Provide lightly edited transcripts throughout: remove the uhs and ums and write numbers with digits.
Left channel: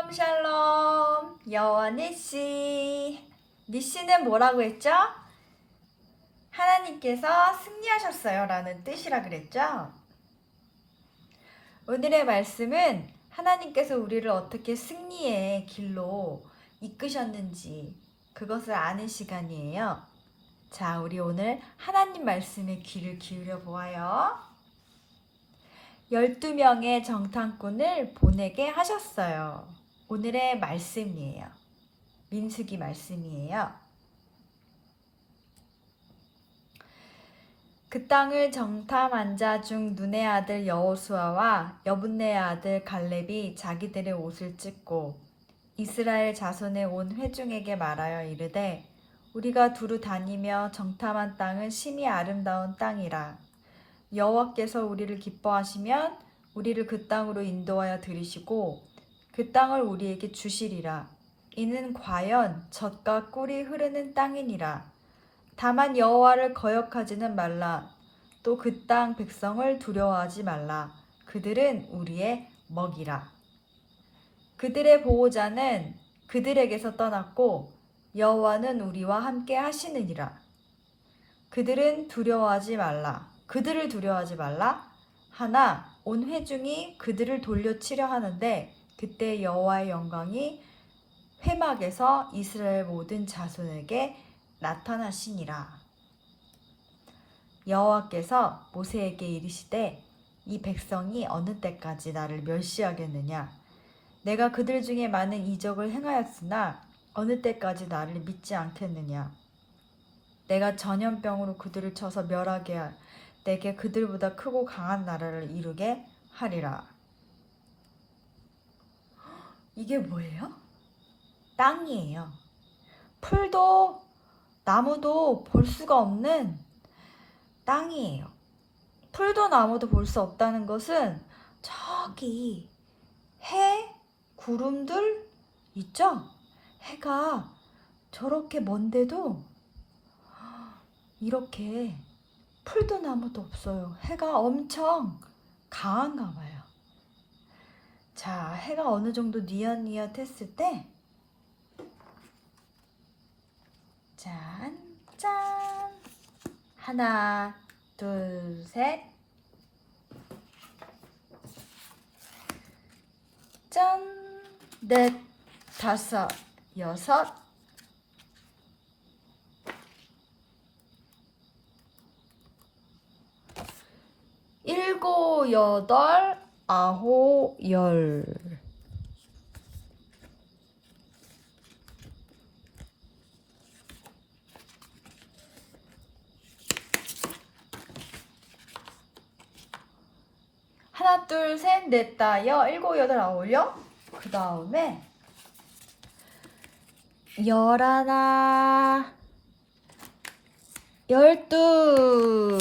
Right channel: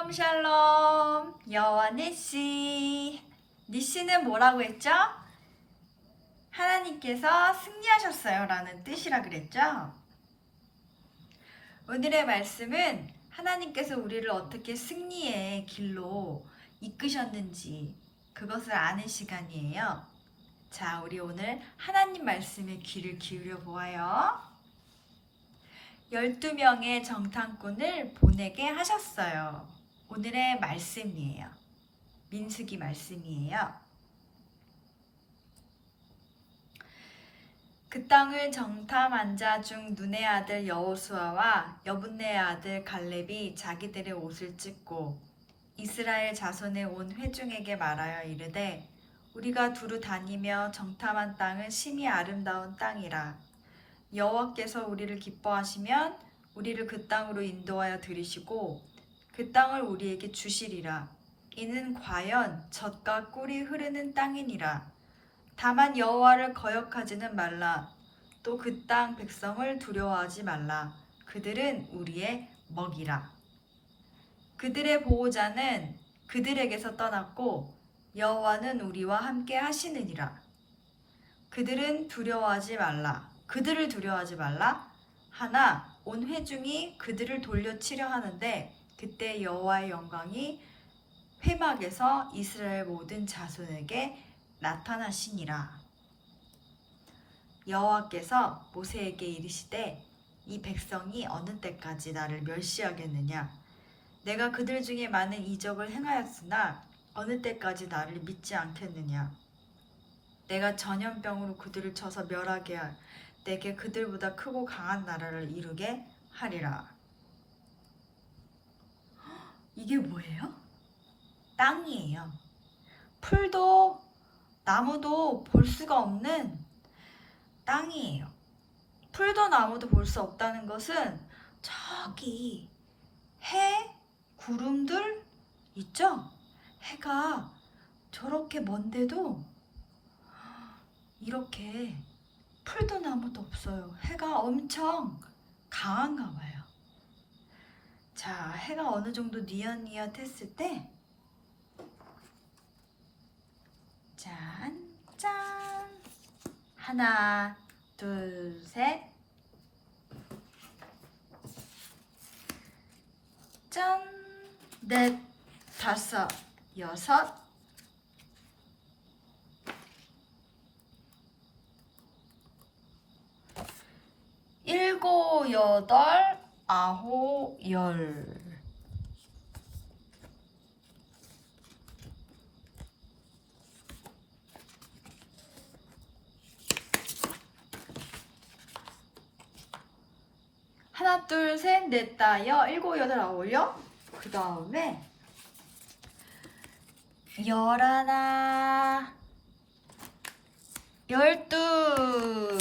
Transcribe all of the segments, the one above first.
샬롬 샬롬. 여호와 니시. 니시는 뭐라고 했죠? 하나님께서 승리하셨어요 라는 뜻이라 그랬죠? 오늘의 말씀은 하나님께서 우리를 어떻게 승리의 길로 이끄셨는지 그것을 아는 시간이에요. 자, 우리 오늘 하나님 말씀에 귀를 기울여 보아요. 12명의 정탐꾼을 보내게 하셨어요. 오늘의 말씀이에요. 민수기 말씀이에요. 그 땅을 정탐한 자 중 눈의 아들 여호수아와 여분네의 아들 갈렙이 자기들의 옷을 찢고 이스라엘 자손의 온 회중에게 말하여 이르되 우리가 두루 다니며 정탐한 땅은 심히 아름다운 땅이라. 여호와께서 우리를 기뻐하시면 우리를 그 땅으로 인도하여 들이시고 그 땅을 우리에게 주시리라. 이는 과연 젖과 꿀이 흐르는 땅이니라. 다만 여호와를 거역하지는 말라. 또 그 땅 백성을 두려워하지 말라. 그들은 우리의 먹이라. 그들의 보호자는 그들에게서 떠났고 여호와는 우리와 함께 하시느니라. 그들을 두려워하지 말라. 하나 온 회중이 그들을 돌려치려 하는데 그때 여호와의 영광이 회막에서 이스라엘 모든 자손에게 나타나시니라. 여호와께서 모세에게 이르시되 이 백성이 어느 때까지 나를 멸시하겠느냐. 내가 그들 중에 많은 이적을 행하였으나 어느 때까지 나를 믿지 않겠느냐. 내가 전염병으로 그들을 쳐서 멸하게 할 내게 그들보다 크고 강한 나라를 이루게 하리라. 이게 뭐예요? 땅이에요. 풀도 나무도 볼 수가 없는 땅이에요. 풀도 나무도 볼 수 없다는 것은 저기 해, 구름들 있죠? 해가 저렇게 먼데도 이렇게 풀도 나무도 없어요. 해가 엄청 강한가 봐요. 자, 해가 어느 정도 뉘엿뉘엿 했을 때 짠, 짠. 하나, 둘, 셋. 짠, 넷, 다섯, 여섯. 일곱, 여덟, 아홉, 열. 하나, 둘, 셋, 넷, 다여, 일곱, 여덟, 아홉, 열. 그 다음에 열하나, 열둘.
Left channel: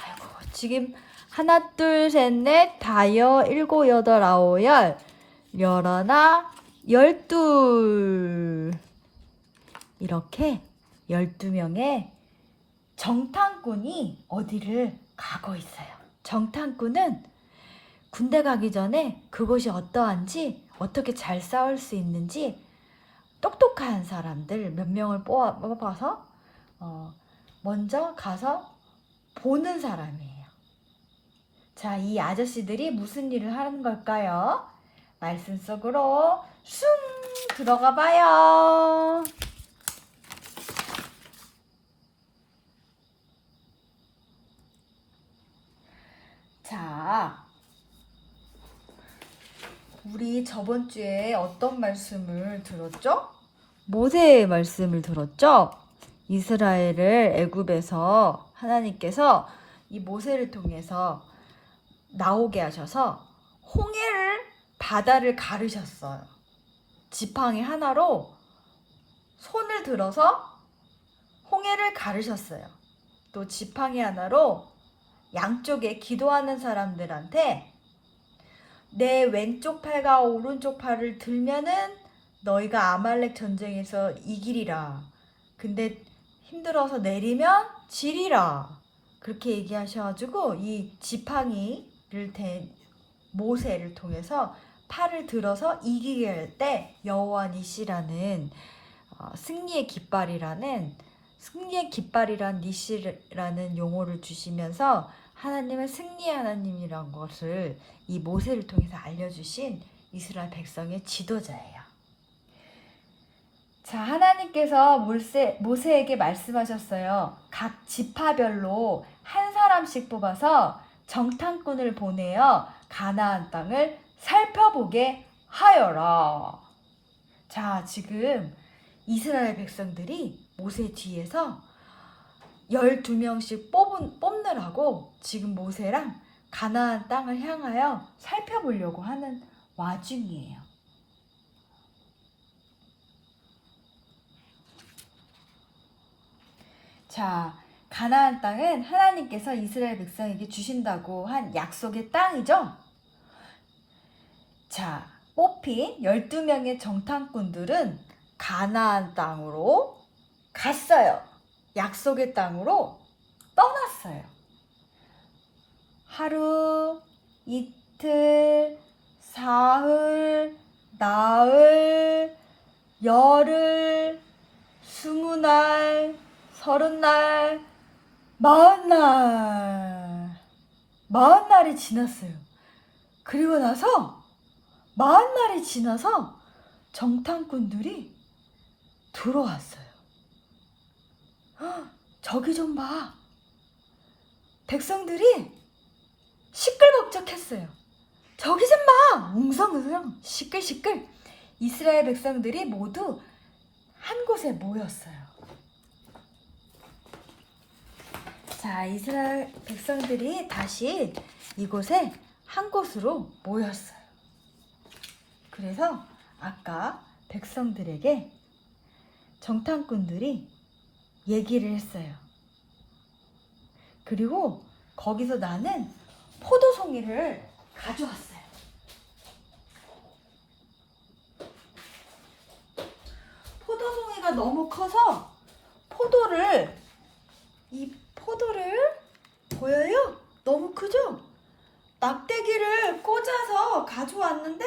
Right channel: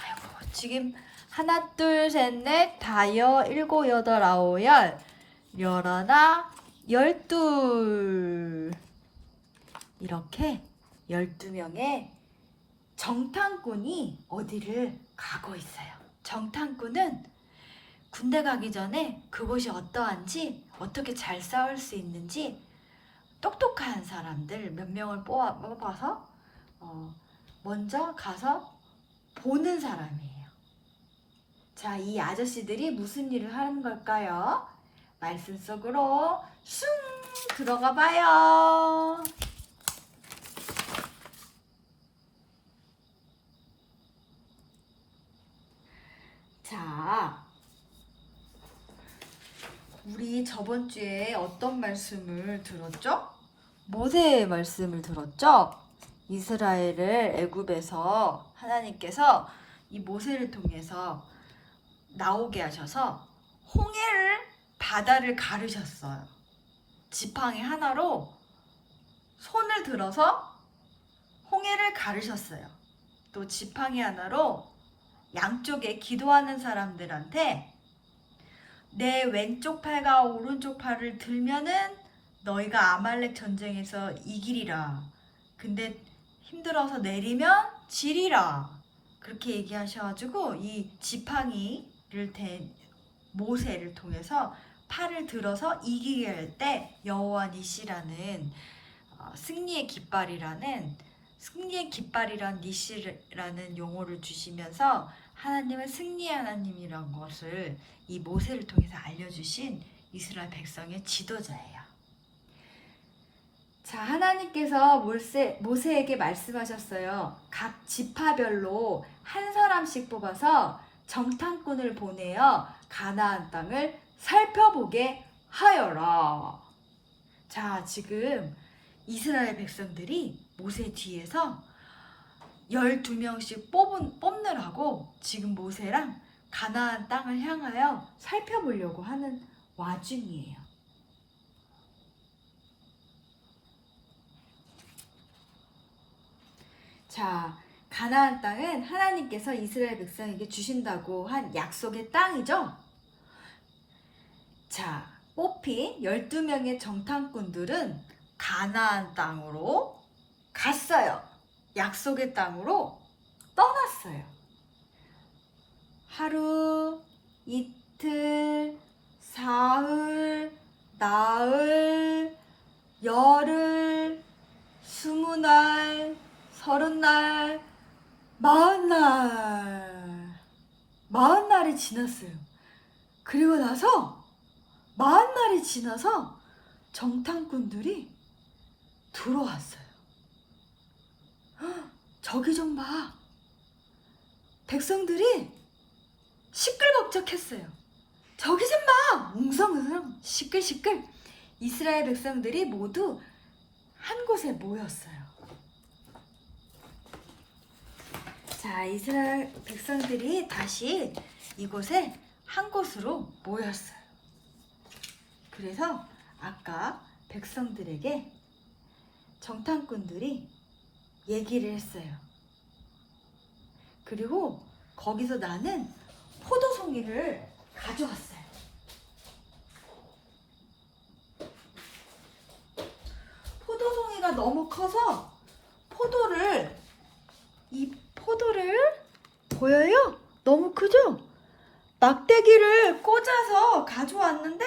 아이고, 지금 하나, 둘, 셋, 넷, 다여, 일곱, 여덟, 아홉, 열. 열하나, 열둘. 이렇게 12명의 정탐꾼이 어디를 가고 있어요. 정탐꾼은 군대 가기 전에 그것이 어떠한지, 어떻게 잘 싸울 수 있는지 똑똑한 사람들 몇 명을 뽑아서 먼저 가서 보는 사람이에요. 자, 이 아저씨들이 무슨 일을 하는 걸까요? 말씀 속으로 슝 들어가 봐요. 자, 우리 저번 주에 어떤 말씀을 들었죠? 모세의 말씀을 들었죠? 이스라엘을 애굽에서 하나님께서 이 모세를 통해서 나오게 하셔서 바다를 가르셨어요. 지팡이 하나로 손을 들어서 홍해를 가르셨어요. 또 지팡이 하나로 양쪽에 기도하는 사람들한테 내 왼쪽 팔과 오른쪽 팔을 들면은 너희가 아말렉 전쟁에서 이기리라. 근데 힘들어서 내리면 지리라. 그렇게 얘기하셔가지고 이 지팡이를 댄 모세를 통해서 팔을 들어서 이기게 할 때 여호와 니시라는 승리의 깃발이란 니시라는 용어를 주시면서 하나님은 승리의 하나님이란 것을 이 모세를 통해서 알려주신 이스라엘 백성의 지도자예요. 자, 하나님께서 모세에게 말씀하셨어요. 각 지파별로 한 사람씩 뽑아서 정탐꾼을 보내어 가나안 땅을 살펴보게 하여라. 자, 지금 이스라엘 백성들이 모세 뒤에서 12명씩 뽑느라고 지금 모세랑 가나안 땅을 향하여 살펴보려고 하는 와중이에요. 자, 가나안 땅은 하나님께서 이스라엘 백성에게 주신다고 한 약속의 땅이죠. 자, 뽑힌 12명의 정탐꾼들은 가나안 땅으로 갔어요. 약속의 땅으로 떠났어요. 하루, 이틀, 사흘, 나흘, 열흘, 20날, 30날, 40날. 40날이 지났어요. 그리고 나서 40날이 지나서 정탐꾼들이 들어왔어요. 저기 좀 봐. 백성들이 시끌벅적했어요. 저기 좀 봐. 웅성웅성 시끌시끌. 이스라엘 백성들이 모두 한 곳에 모였어요. 자, 이스라엘 백성들이 다시 이곳에 한 곳으로 모였어요. 그래서 아까 백성들에게 정탐꾼들이 얘기를 했어요. 그리고 거기서 나는 포도송이를 가져왔어요. 포도송이가 너무 커서 이 포도를 보여요? 너무 크죠? 막대기를 꽂아서 가져왔는데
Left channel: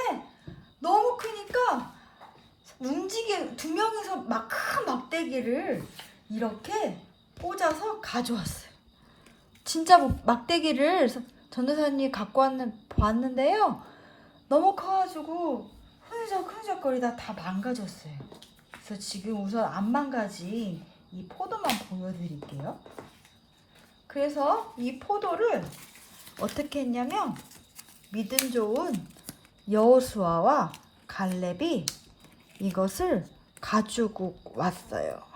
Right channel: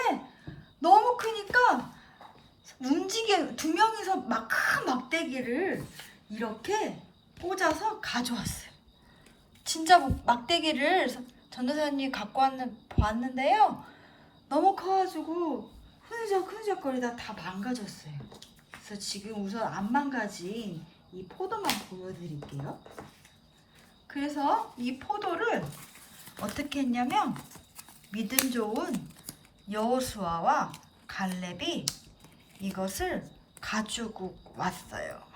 너무 크니까 두 명이서 큰 막대기를 이렇게 꽂아서 가져왔어요. 진짜 막대기를 전도사님이 갖고 왔는데요. 너무 커가지고 흐느적거리다 다 망가졌어요. 그래서 지금 우선 안 망가진 이 포도만 보여드릴게요. 그래서 이 포도를 어떻게 했냐면 믿음 좋은 여호수아와 갈렙이 이것을 가지고 왔어요.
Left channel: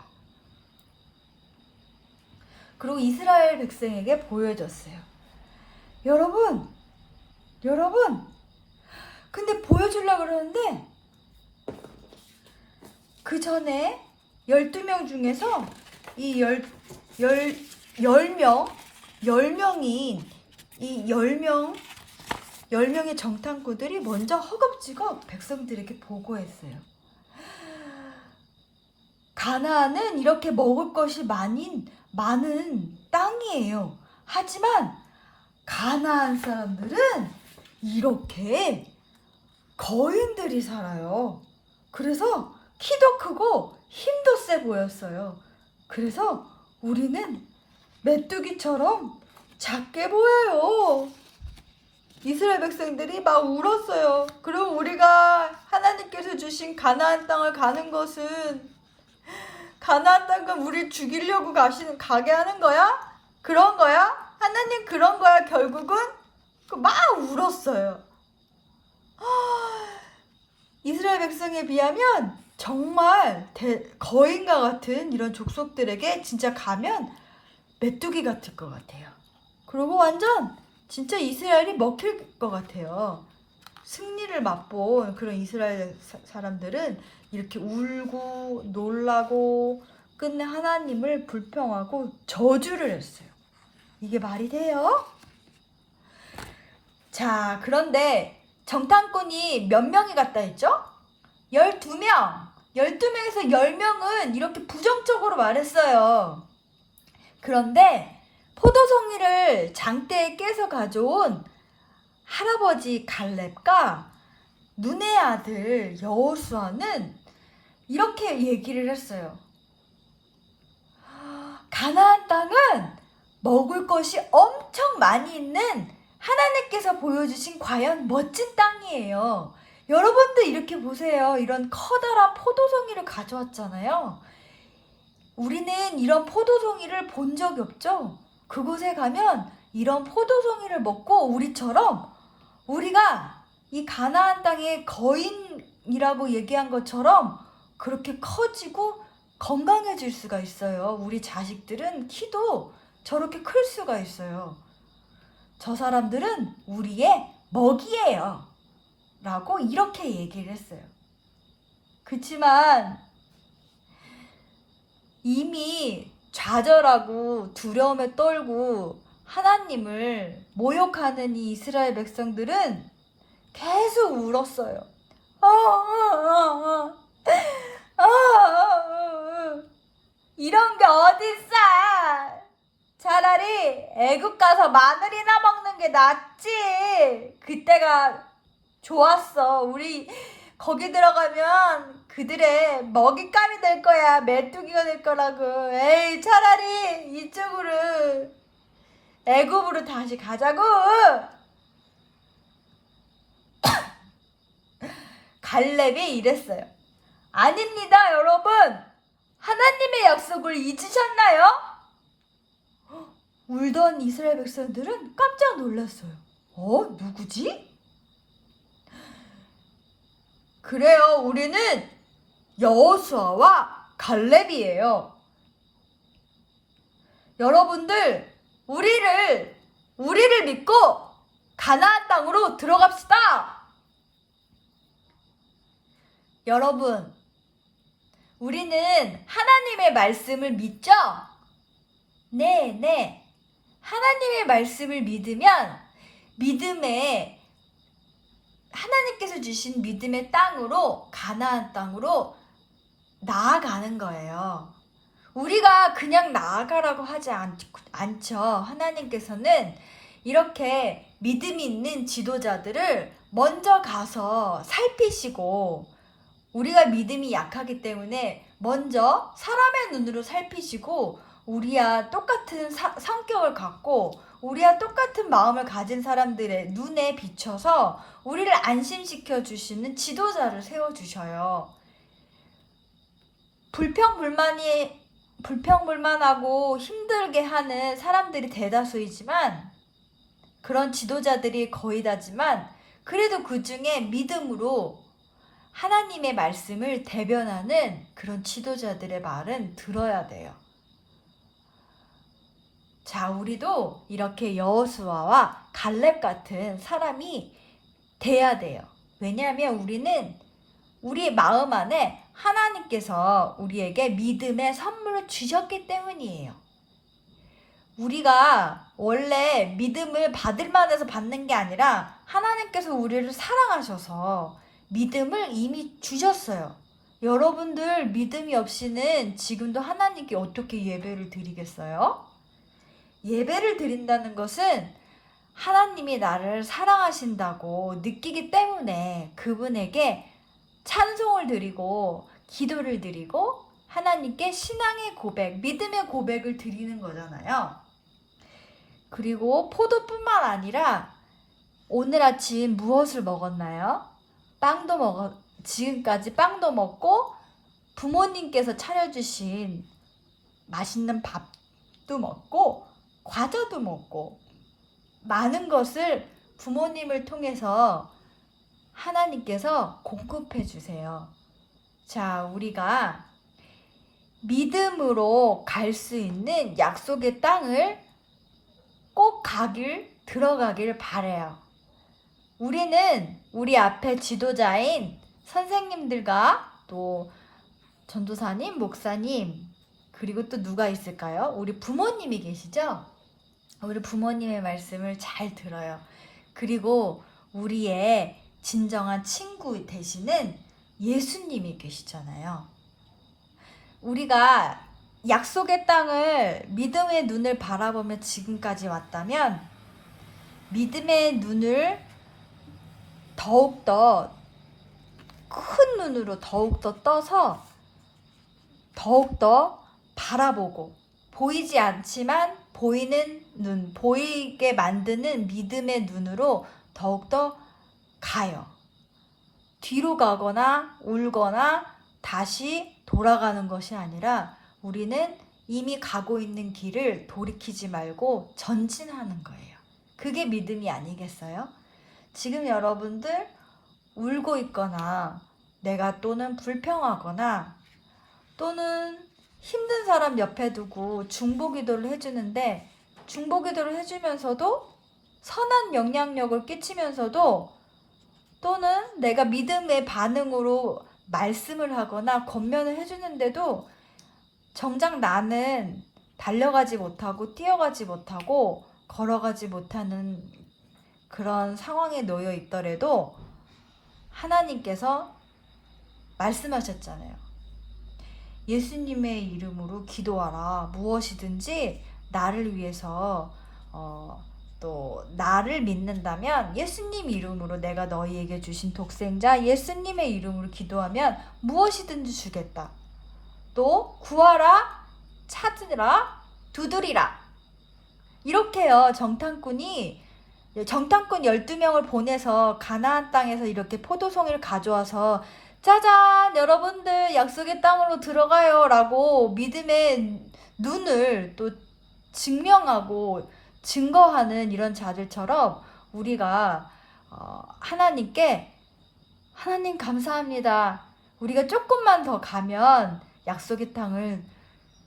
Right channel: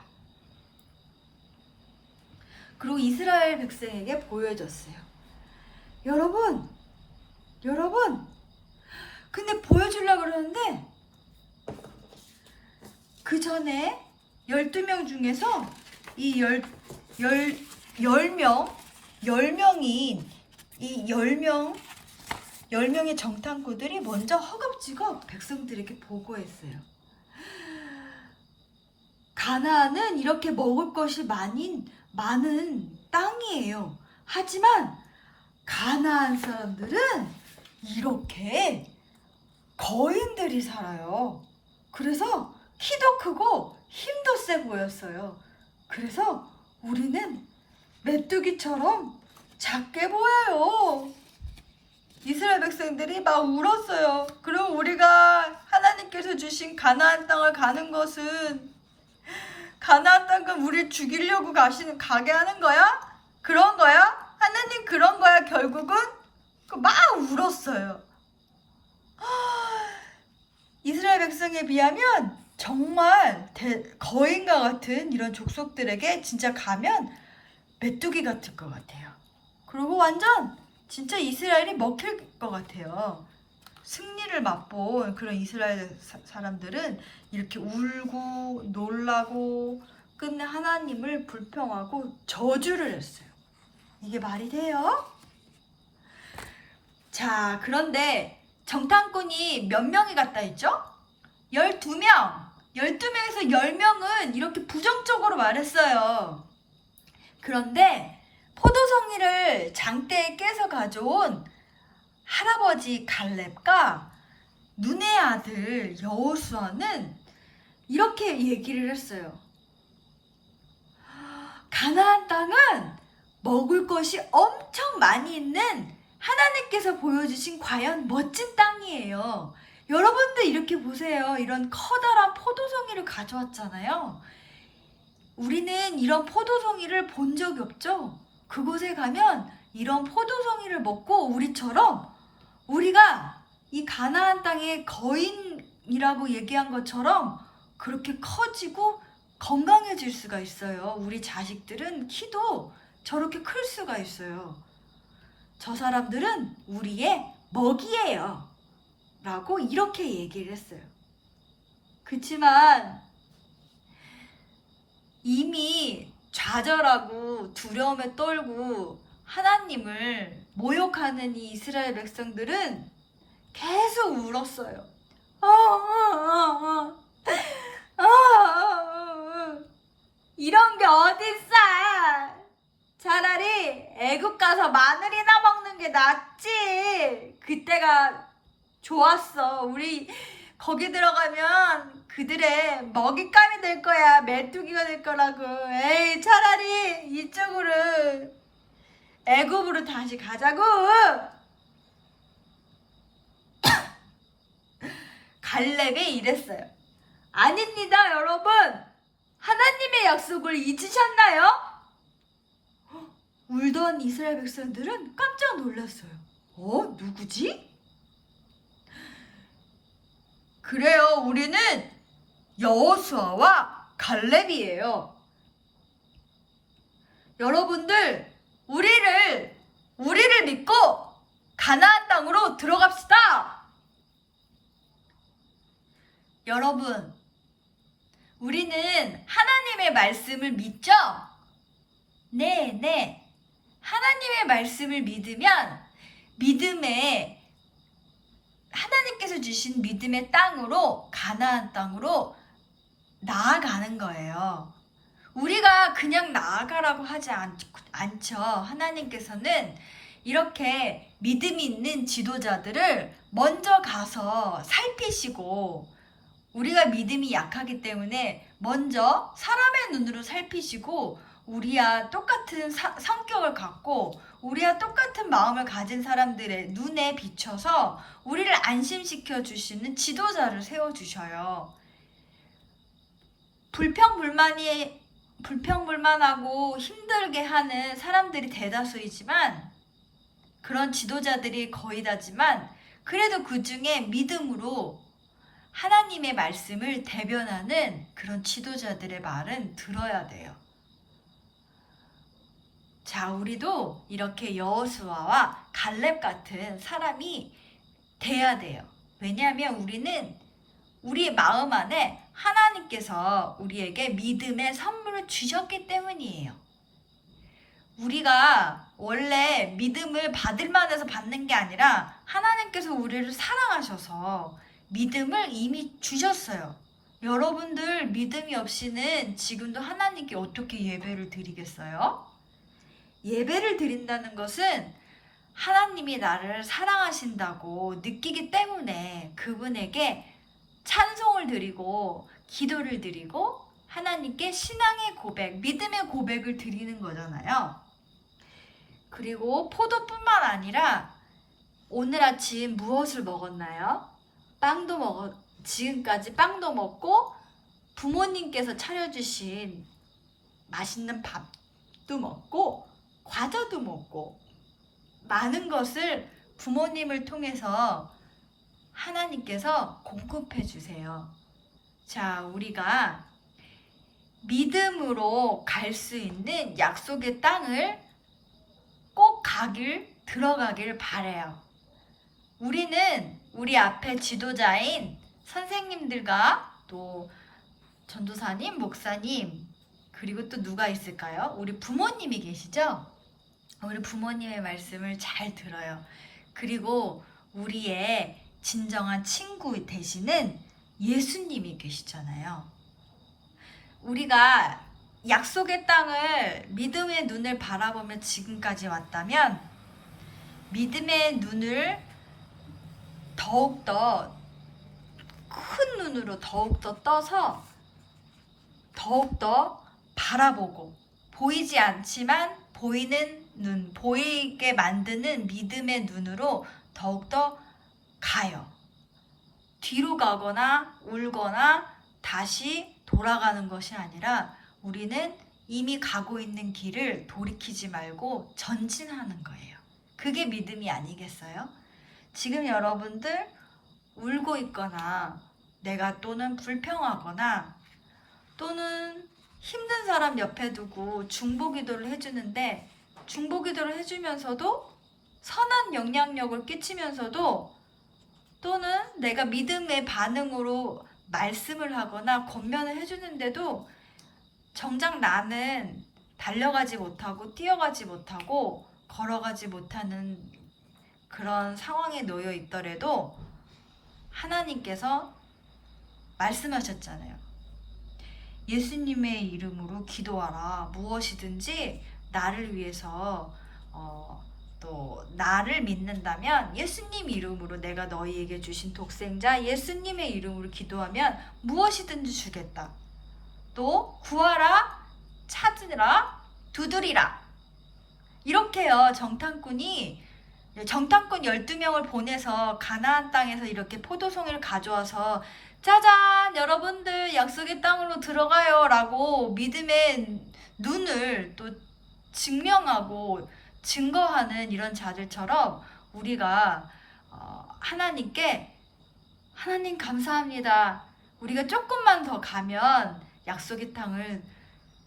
그리고 이스라엘 백성에게 보여줬어요. 여러분, 근데 보여주려고 그러는데 그 전에 12명 중에서 이 10명의 정탐꾼들이 먼저 허겁지겁 백성들에게 보고했어요. 가나안은 이렇게 먹을 것이 많은 땅이에요. 하지만 가나안 사람들은 이렇게 거인들이 살아요. 그래서 키도 크고 힘도 세 보였어요. 그래서 우리는 메뚜기처럼 작게 보여요. 이스라엘 백성들이 막 울었어요. 그럼 우리가 하나님께서 주신 가나안 땅을 가는 것은 가나안 땅을 우리 죽이려고 가게 하는 거야? 그런 거야? 하나님 그런 거야 결국은? 막 울었어요. 이스라엘 백성에 비하면 정말 거인과 같은 이런 족속들에게 진짜 가면 메뚜기 같을 것 같아요. 그리고 완전 진짜 이스라엘이 먹힐 것 같아요. 승리를 맛본 그런 이스라엘 사람들은 이렇게 울고 놀라고 끝내 하나님을 불평하고 저주를 했어요. 이게 말이 돼요? 자, 그런데 정탐꾼이 몇 명이 갔다 했죠? 12명. 12명에서 10명은 이렇게 부정적으로 말했어요. 그런데 포도송이를 장대에 깨서 가져온 할아버지 갈렙과 눈의 아들 여호수아는 이렇게 얘기를 했어요. 가나안 땅은 먹을 것이 엄청 많이 있는 하나님께서 보여주신 과연 멋진 땅이에요. 여러분들 이렇게 보세요. 이런 커다란 포도송이를 가져왔잖아요. 우리는 이런 포도송이를 본 적이 없죠. 그곳에 가면 이런 포도송이를 먹고 우리가 이 가나안 땅의 거인이라고 얘기한 것처럼 그렇게 커지고 건강해질 수가 있어요. 우리 자식들은 키도 저렇게 클 수가 있어요. 저 사람들은 우리의 먹이에요. 라고 이렇게 얘기를 했어요. 그치만 이미 좌절하고 두려움에 떨고 하나님을 모욕하는 이 이스라엘 백성들은 계속 울었어요. 이런 게 어딨어? 차라리 애국 가서 마늘이나 먹는 게 낫지. 그때가 좋았어. 우리 거기 들어가면 그들의 먹잇감이 될 거야. 메뚜기가 될 거라고. 에이, 차라리 이쪽으로 애굽으로 다시 가자고. 갈렙이 이랬어요. 아닙니다, 여러분. 하나님의 약속을 잊으셨나요? 울던 이스라엘 백성들은 깜짝 놀랐어요. 누구지? 그래요, 우리는 여호수아와 갈렙이에요. 여러분들, 우리를 믿고 가나안 땅으로 들어갑시다. 여러분, 우리는 하나님의 말씀을 믿죠? 네. 하나님의 말씀을 믿으면 하나님께서 주신 믿음의 땅으로, 가나안 땅으로 나아가는 거예요. 우리가 그냥 나아가라고 하지 않죠. 하나님께서는 이렇게 믿음이 있는 지도자들을 먼저 가서 살피시고, 우리가 믿음이 약하기 때문에 먼저 사람의 눈으로 살피시고, 우리와 똑같은 성격을 갖고 우리와 똑같은 마음을 가진 사람들의 눈에 비춰서 우리를 안심시켜 주시는 지도자를 세워주셔요. 불평불만하고 힘들게 하는 사람들이 대다수이지만, 그런 지도자들이 거의 다지만, 그래도 그 중에 믿음으로 하나님의 말씀을 대변하는 그런 지도자들의 말은 들어야 돼요. 자, 우리도 이렇게 여호수아와 갈렙 같은 사람이 돼야 돼요. 왜냐하면 우리는 우리 마음 안에 하나님께서 우리에게 믿음의 선물을 주셨기 때문이에요. 우리가 원래 믿음을 받을 만해서 받는 게 아니라 하나님께서 우리를 사랑하셔서 믿음을 이미 주셨어요. 여러분들 믿음이 없이는 지금도 하나님께 어떻게 예배를 드리겠어요? 예배를 드린다는 것은 하나님이 나를 사랑하신다고 느끼기 때문에 그분에게 찬송을 드리고 기도를 드리고 하나님께 신앙의 고백, 믿음의 고백을 드리는 거잖아요. 그리고 포도뿐만 아니라 오늘 아침 무엇을 먹었나요? 지금까지 빵도 먹고 부모님께서 차려주신 맛있는 밥도 먹고 과자도 먹고 많은 것을 부모님을 통해서 하나님께서 공급해 주세요. 자, 우리가 믿음으로 갈 수 있는 약속의 땅을 꼭 들어가길 바라요. 우리는 우리 앞에 지도자인 선생님들과 또 전도사님, 목사님, 그리고 또 누가 있을까요? 우리 부모님이 계시죠? 우리 부모님의 말씀을 잘 들어요. 그리고 우리의 진정한 친구 되시는 예수님이 계시잖아요. 우리가 약속의 땅을 믿음의 눈을 바라보며 지금까지 왔다면 믿음의 눈을 더욱더 큰 눈으로 더욱더 떠서 더욱더 바라보고 보이지 않지만 보이는 눈, 보이게 만드는 믿음의 눈으로 더욱더 가요. 뒤로 가거나 울거나 다시 돌아가는 것이 아니라 우리는 이미 가고 있는 길을 돌이키지 말고 전진하는 거예요. 그게 믿음이 아니겠어요? 지금 여러분들 울고 있거나 내가 또는 불평하거나 또는 힘든 사람 옆에 두고 중보기도를 해주는데 중보기도를 해주면서도 선한 영향력을 끼치면서도 또는 내가 믿음의 반응으로 말씀을 하거나 권면을 해주는데도 정작 나는 달려가지 못하고 뛰어가지 못하고 걸어가지 못하는 그런 상황에 놓여 있더라도 하나님께서 말씀하셨잖아요. 예수님의 이름으로 기도하라. 무엇이든지 나를 위해서 또 나를 믿는다면 예수님 이름으로 내가 너희에게 주신 독생자 예수님의 이름으로 기도하면 무엇이든지 주겠다. 또 구하라, 찾으라, 두드리라. 이렇게요. 정탐꾼 12명을 보내서 가나안 땅에서 이렇게 포도송이를 가져와서 짜잔 여러분들 약속의 땅으로 들어가요 라고 믿음의 눈을 또 증명하고 증거하는 이런 자들처럼 우리가 하나님께 하나님 감사합니다. 우리가 조금만 더 가면 약속의 땅을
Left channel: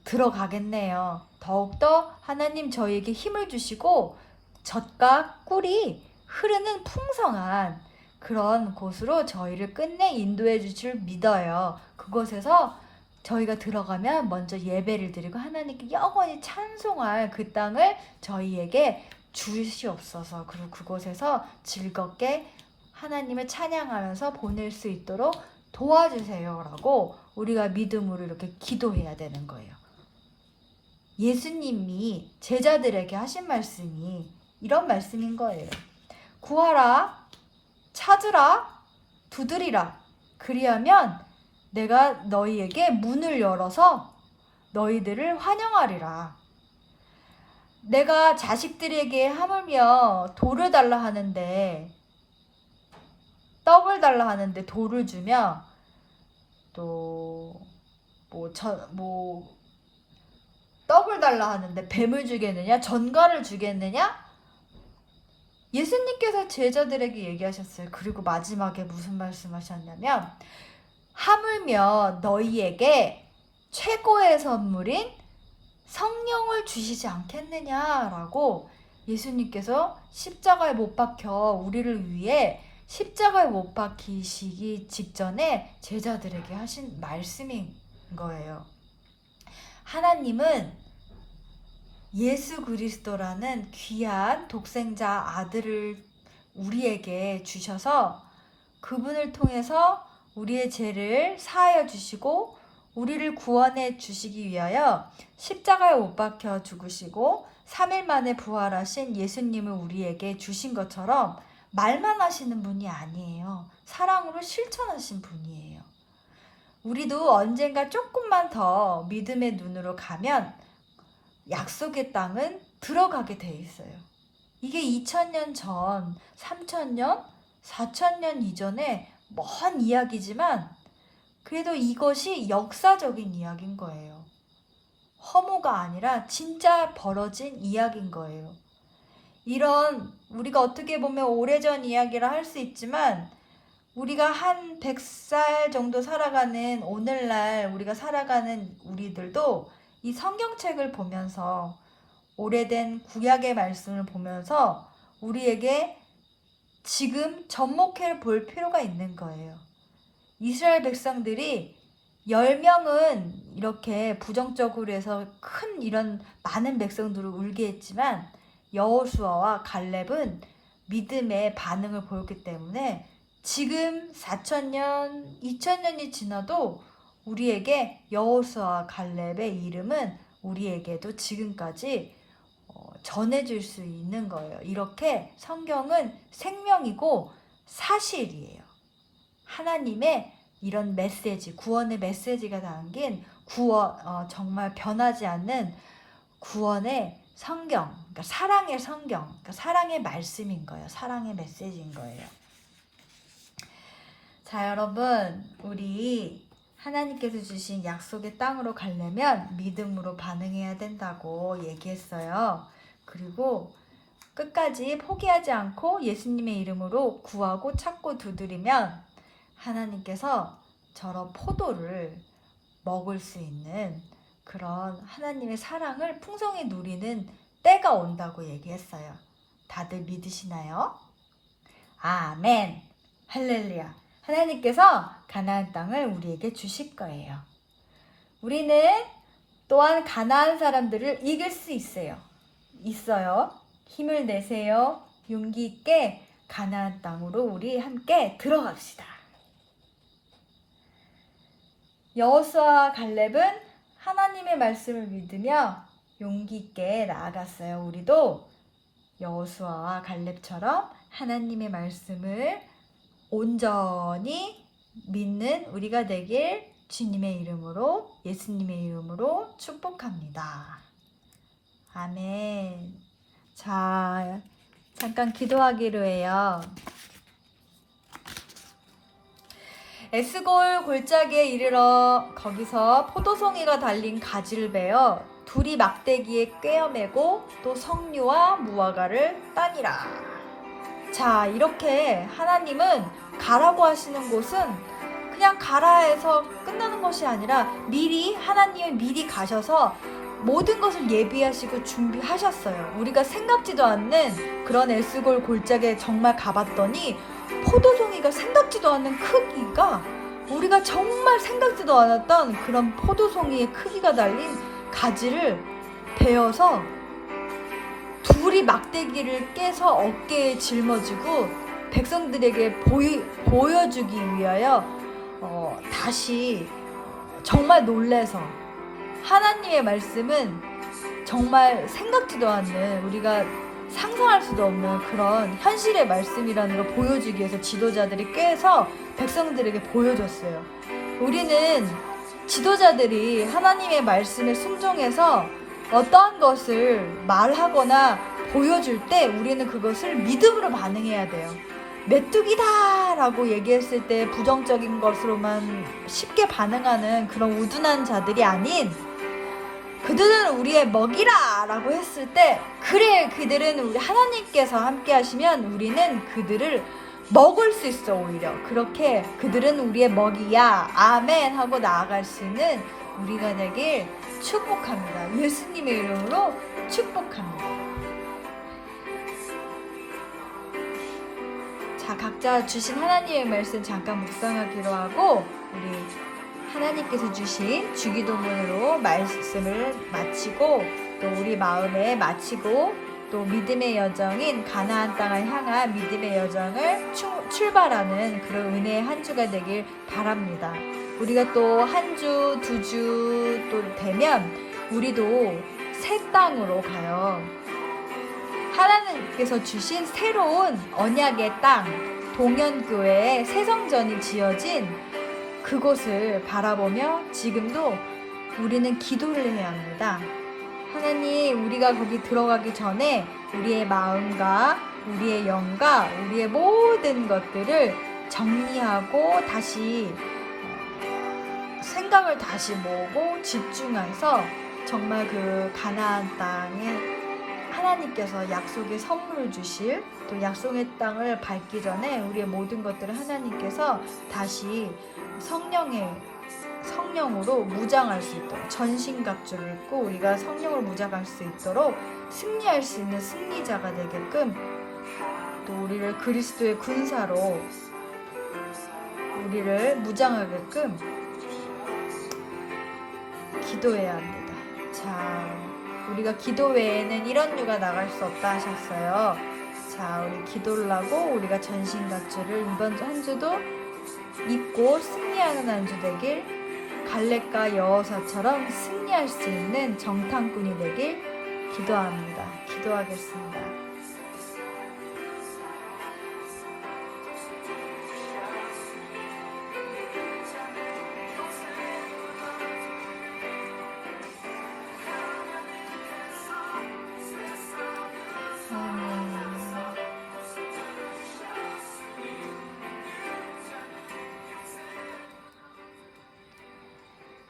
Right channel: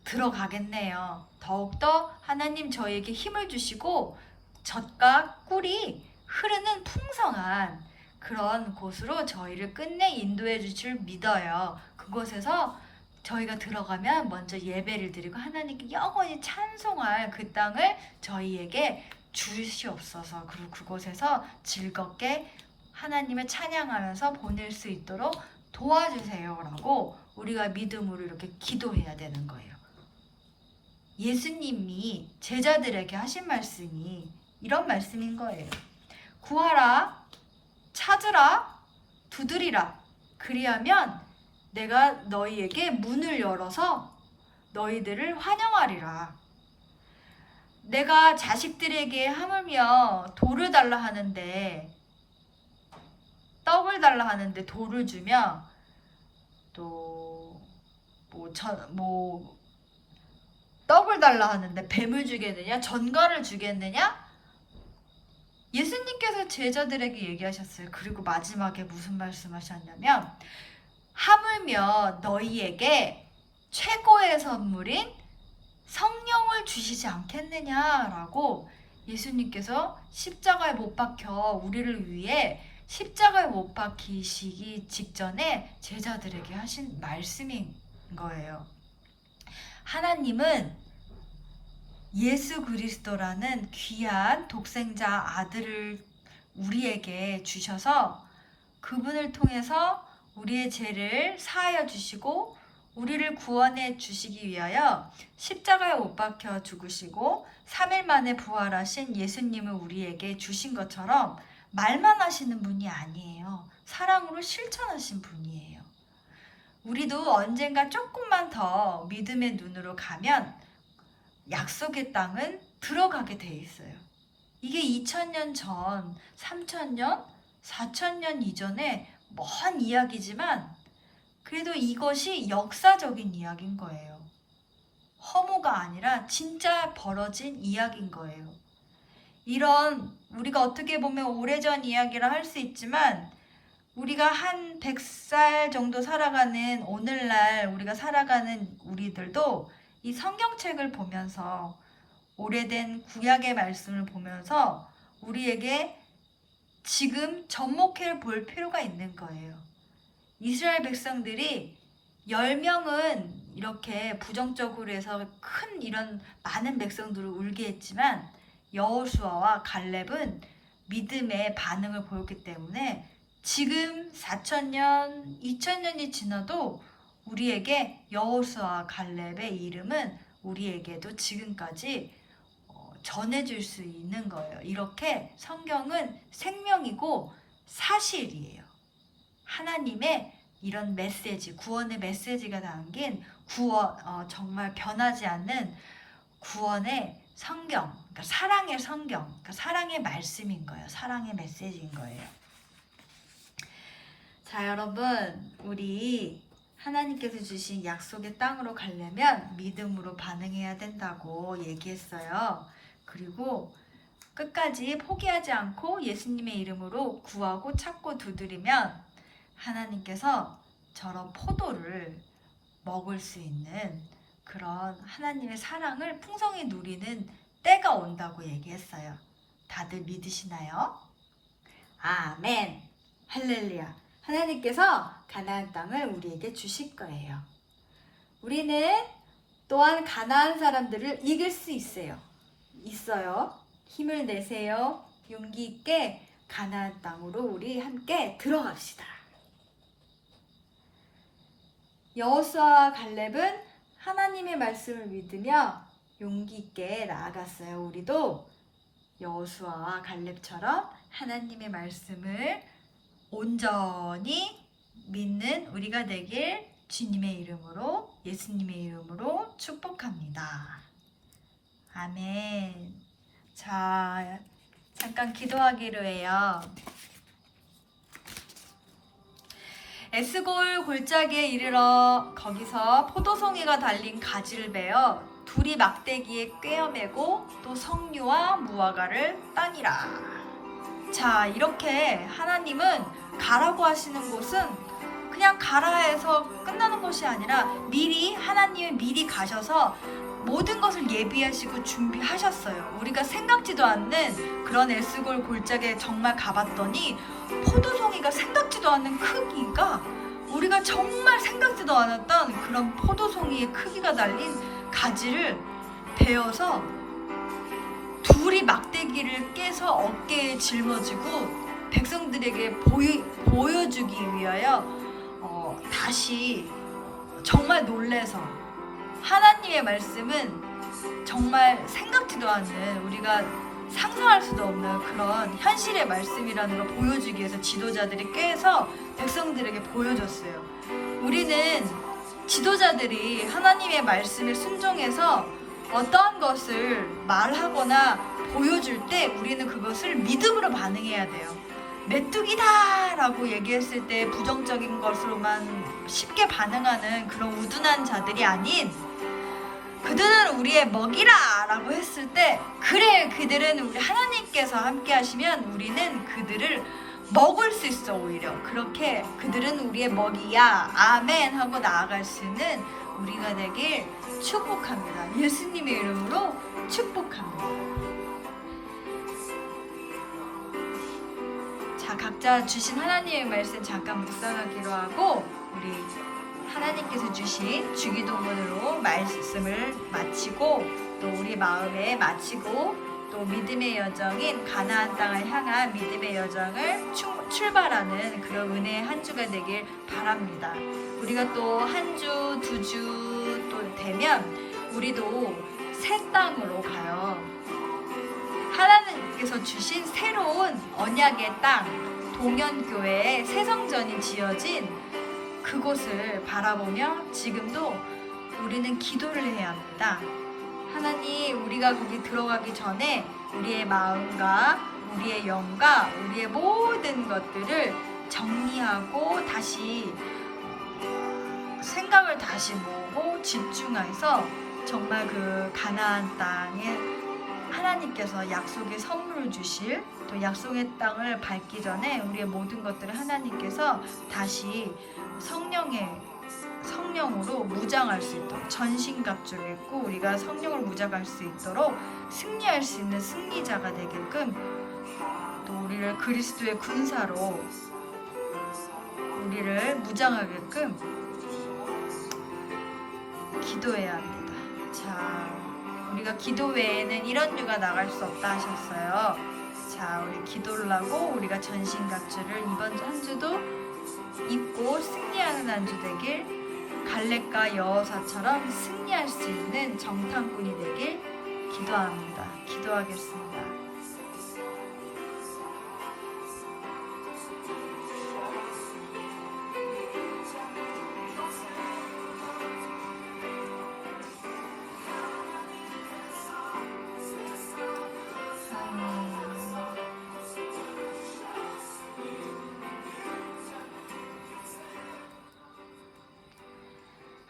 들어가겠네요. 더욱더 하나님 저희에게 힘을 주시고 젖과 꿀이 흐르는 풍성한 그런 곳으로 저희를 끝내 인도해 주실 줄 믿어요. 그곳에서 저희가 들어가면 먼저 예배를 드리고 하나님께 영원히 찬송할 그 땅을 저희에게 주시옵소서. 그리고 그곳에서 즐겁게 하나님을 찬양하면서 보낼 수 있도록 도와주세요 라고 우리가 믿음으로 이렇게 기도해야 되는 거예요. 예수님이 제자들에게 하신 말씀이 이런 말씀인 거예요. 구하라, 찾으라, 두드리라. 그리하면 내가 너희에게 문을 열어서 너희들을 환영하리라. 내가 자식들에게 하물며 돌을 달라 하는데 떡을 달라 하는데 돌을 주며 또 떡을 달라 하는데 뱀을 주겠느냐? 전갈을 주겠느냐? 예수님께서 제자들에게 얘기하셨어요. 그리고 마지막에 무슨 말씀하셨냐면 하물며 너희에게 최고의 선물인 성령을 주시지 않겠느냐라고 예수님께서 십자가에 못 박혀 우리를 위해 십자가에 못 박히시기 직전에 제자들에게 하신 말씀인 거예요. 하나님은 예수 그리스도라는 귀한 독생자 아들을 우리에게 주셔서 그분을 통해서 우리의 죄를 사하여 주시고 우리를 구원해 주시기 위하여 십자가에 못 박혀 죽으시고 3일 만에 부활하신 예수님을 우리에게 주신 것처럼 말만 하시는 분이 아니에요. 사랑으로 실천하신 분이에요. 우리도 언젠가 조금만 더 믿음의 눈으로 가면 약속의 땅은 들어가게 돼 있어요. 이게 2000년 전, 3000년, 4000년 이전에 먼 이야기지만 그래도 이것이 역사적인 이야기인 거예요. 허무가 아니라 진짜 벌어진 이야기인 거예요. 이런 우리가 어떻게 보면 오래전 이야기라 할 수 있지만 우리가 한 100살 정도 살아가는 오늘날 우리가 살아가는 우리들도 이 성경책을 보면서 오래된 구약의 말씀을 보면서 우리에게 지금 접목해 볼 필요가 있는 거예요. 이스라엘 백성들이 10명은 이렇게 부정적으로 해서 큰 이런 많은 백성들을 울게 했지만 여호수아와 갈렙은 믿음의 반응을 보였기 때문에 지금 4000년, 2000년이 지나도 우리에게 여호수아와 갈렙의 이름은 우리에게도 지금까지 전해줄 수 있는 거예요. 이렇게 성경은 생명이고 사실이에요. 하나님의 이런 메시지, 구원의 메시지가 담긴 정말 변하지 않는 구원의 성경, 그러니까 사랑의 성경, 그러니까 사랑의 말씀인 거예요. 사랑의 메시지인 거예요. 자, 여러분, 우리 하나님께서 주신 약속의 땅으로 가려면 믿음으로 반응해야 된다고 얘기했어요. 그리고 끝까지 포기하지 않고 예수님의 이름으로 구하고 찾고 두드리면 하나님께서 저런 포도를 먹을 수 있는 그런 하나님의 사랑을 풍성히 누리는 때가 온다고 얘기했어요. 다들 믿으시나요? 아멘. 할렐루야. 하나님께서 가나안 땅을 우리에게 주실 거예요. 우리는 또한 가나안 사람들을 이길 수 있어요. 힘을 내세요. 용기 있게 가나안 땅으로 우리 함께 들어갑시다. 여호수아와 갈렙은 하나님의 말씀을 믿으며 용기 있게 나아갔어요. 우리도 여호수아와 갈렙처럼 하나님의 말씀을 온전히 믿는 우리가 되길 주님의 이름으로, 예수님의 이름으로 축복합니다. 아멘. 자, 잠깐 기도하기로 해요. 에스골 골짜기에 이르러 거기서 포도송이가 달린 가지를 베어 둘이 막대기에 꿰어매고 또 석류와 무화과를 따니라. 자, 이렇게 하나님은 가라고 하시는 곳은 그냥 가라 해서 끝나는 것이 아니라 하나님이 미리 가셔서 모든 것을 예비하시고 준비하셨어요. 우리가 생각지도 않는 그런 에스골 골짜기에 정말 가봤더니 포도송이가 생각지도 않는 크기가, 우리가 정말 생각지도 않았던 그런 포도송이의 크기가 달린 가지를 베어서 둘이 막대기를 깨서 어깨에 짊어지고 백성들에게 보여주기 위하여 다시 정말 놀래서, 하나님의 말씀은 정말 생각지도 않는, 우리가 상상할 수도 없는 그런 현실의 말씀이라는 걸 보여주기 위해서 지도자들이 꿰서 백성들에게 보여줬어요. 우리는 지도자들이 하나님의 말씀에 순종해서 어떠한 것을 말하거나 보여줄 때 우리는 그것을 믿음으로 반응해야 돼요. 메뚜기다 라고 얘기했을 때 부정적인 것으로만 쉽게 반응하는 그런 우둔한 자들이 아닌, 그들은 우리의 먹이라 라고 했을 때, 그래, 그들은 우리 하나님께서 함께 하시면 우리는 그들을 먹을 수 있어. 오히려 그렇게 그들은 우리의 먹이야, 아멘 하고 나아갈 수 있는 우리가 되길 축복합니다. 예수님의 이름으로 축복합니다. 자, 각자 주신 하나님의 말씀 잠깐 묵상하기로 하고, 우리 하나님께서 주신 주기도문으로 말씀을 마치고, 또 우리 마음에 마치고, 또 믿음의 여정인 가나안 땅을 향한 믿음의 여정을 출발하는 그런 은혜의 한 주가 되길 바랍니다. 우리가 또 한 주, 두 주 또 되면 우리도 새 땅으로 가요. 하나님께서 주신 새로운 언약의 땅, 동현교회에 새 성전이 지어진 그곳을 바라보며 지금도 우리는 기도를 해야 합니다. 하나님, 우리가 거기 들어가기 전에 우리의 마음과 우리의 영과 우리의 모든 것들을 정리하고 다시 생각을 다시 모으고 집중해서 정말 그 가나안 땅에 하나님께서 약속의 선물을 주실, 또 약속의 땅을 밟기 전에 우리의 모든 것들을 하나님께서 다시 성령으로 무장할 수 있도록, 전신갑주를 입고 우리가 성령을 무장할 수 있도록 승리할 수 있는 승리자가 되게끔, 또 우리를 그리스도의 군사로 우리를 무장하게끔 기도해야 합니다. 자, 우리가 기도 외에는 이런 유가 나갈 수 없다 하셨어요. 자, 우리 기도를 하고 우리가 전신갑주를 이번 한 주도 입고 승리하는 한 주 되길, 갈렙과 여호사처럼 승리할 수 있는 정탐꾼이 되길 기도합니다. 기도하겠습니다.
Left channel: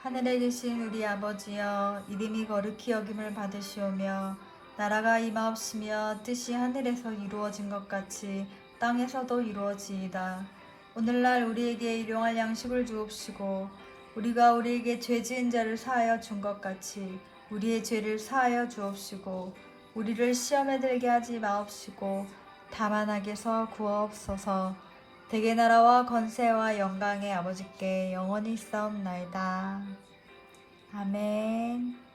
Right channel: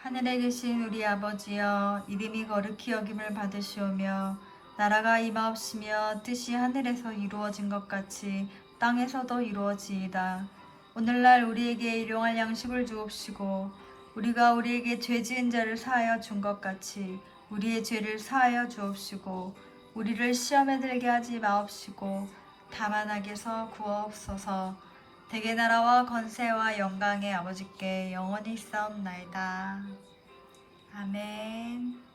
하늘에 계신 우리 아버지여, 이름이 거룩히 여김을 받으시오며 나라가 임하옵시며 뜻이 하늘에서 이루어진 것 같이 땅에서도 이루어지이다. 오늘날 우리에게 일용할 양식을 주옵시고 우리가 우리에게 죄 지은 자를 사하여 준 것 같이 우리의 죄를 사하여 주옵시고 우리를 시험에 들게 하지 마옵시고 다만 악에서 구하옵소서. 대개 나라와 권세와 영광의 아버지께 영원히 있사옵나이다. 아멘.